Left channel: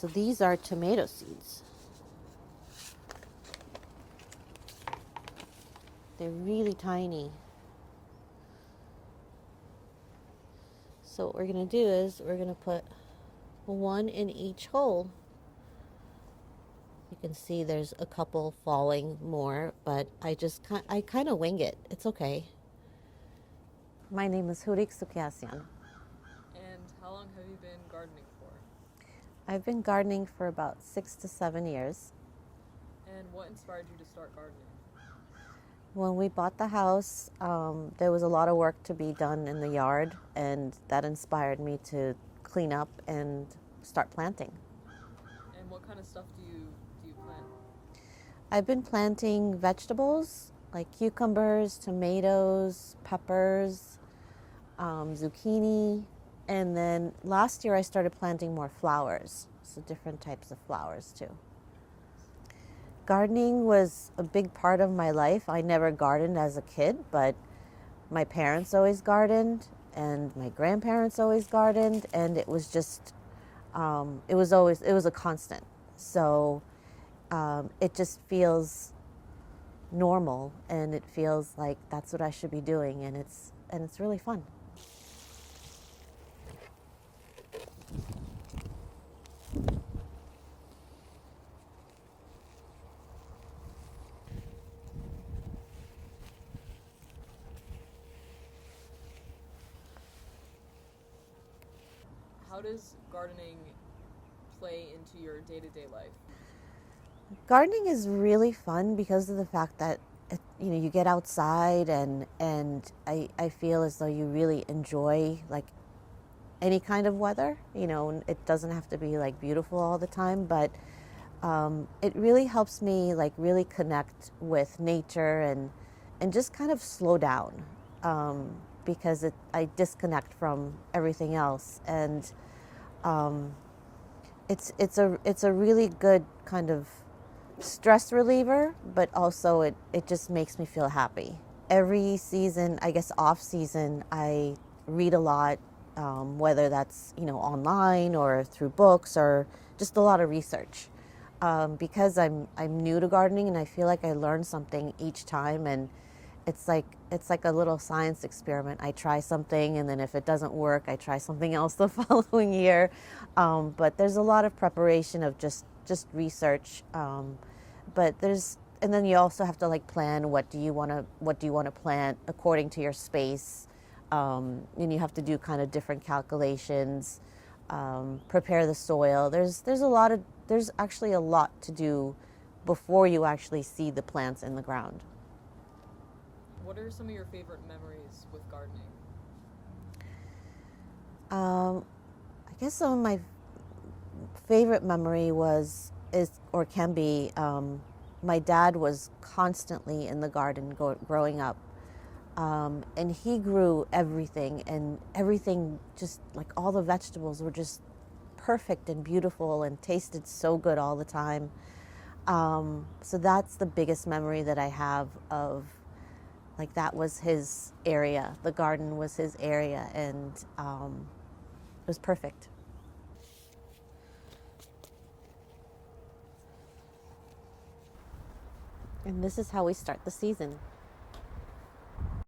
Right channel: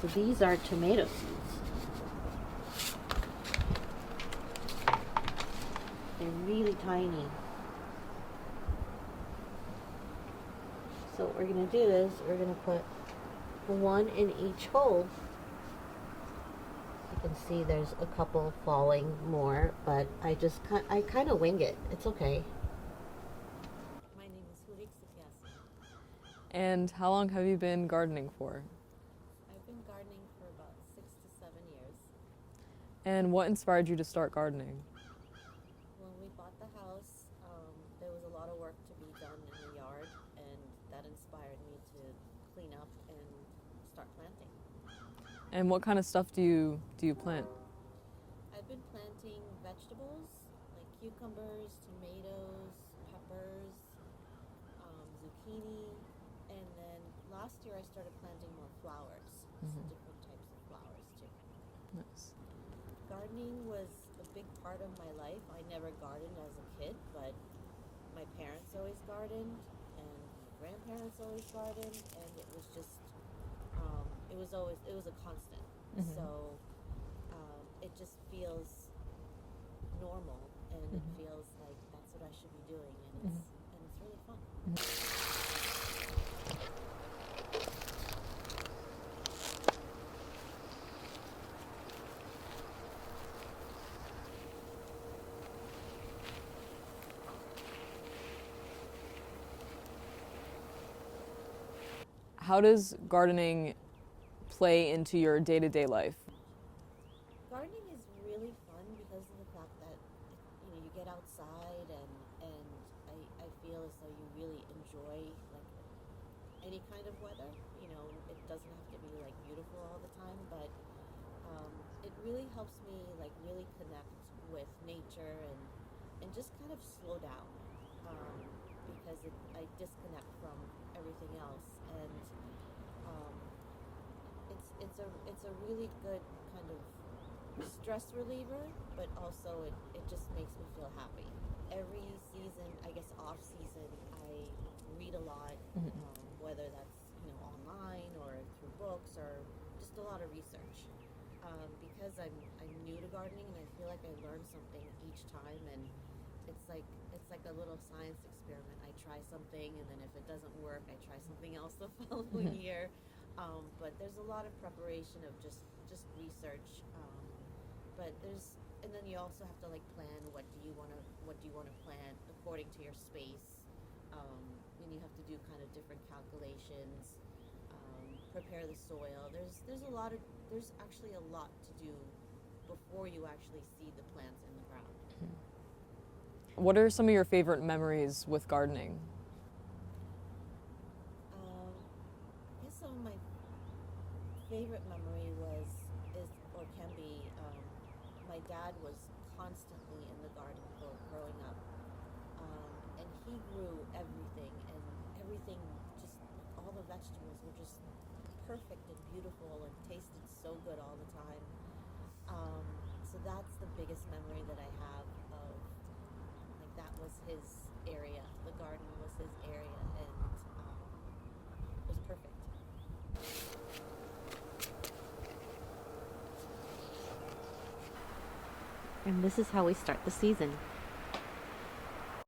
So these are tomato seeds. They're really tiny. So what we're going to do is we're going to put one in each hole. You can see there's a couple falling more, but I kind of wing it. It's okay. My name is Hourig Soukiasian. And how long have you been gardening for? I've been gardening for about 6 to 7 years. And what inspired you to start gardening? When we bought the house, there was a lot of work to be done in the yard, and that inspired me to clean up and start planting. And what kind of stuff do you plant? I've been planting vegetables like cucumbers, tomatoes, peppers, zucchini, and then last year I started planting more flowers, so different types of flowers too. Nice. Gardening was a big part of my life. I never gardened as a kid, but my parents always gardened and my grandparents always gardened, and it was just, it was a constant. So it just feels normal, and it feels like that's what I should be doing, and it's really fun. How does gardening play into your day-to-day life? Gardening is really fun because of the fact that you get outside, and I feel as though you really enjoy like any kind of weather. It doesn't have to be like beautiful all the time, but it really helps me like really connect with nature and just kind of slow down, because I disconnect from everything else, and it's a really good kind of stress reliever, but also it just makes me feel happy. Every season, I guess off season, I read a lot, whether that's online or through books or just a lot of research, because I'm new to gardening, and I feel like I learn something each time, and it's like a little science experiment. I try something, and then if it doesn't work, I try something else the following year. But there's a lot of preparation of just research. And then you also have to like plan what do you want to plant according to your space, and you have to do kind of different calculations, prepare the soil. There's actually a lot to do before you actually see the plants in the ground. What are some of your favorite memories with gardening? I guess some of my favorite memory can be, my dad was constantly in the garden growing up, and he grew everything, and everything, just like all the vegetables were just perfect and beautiful and tasted so good all the time. So that's the biggest memory that I have of, like, that was his area. The garden was his area, and it was perfect. And this is how we start the season.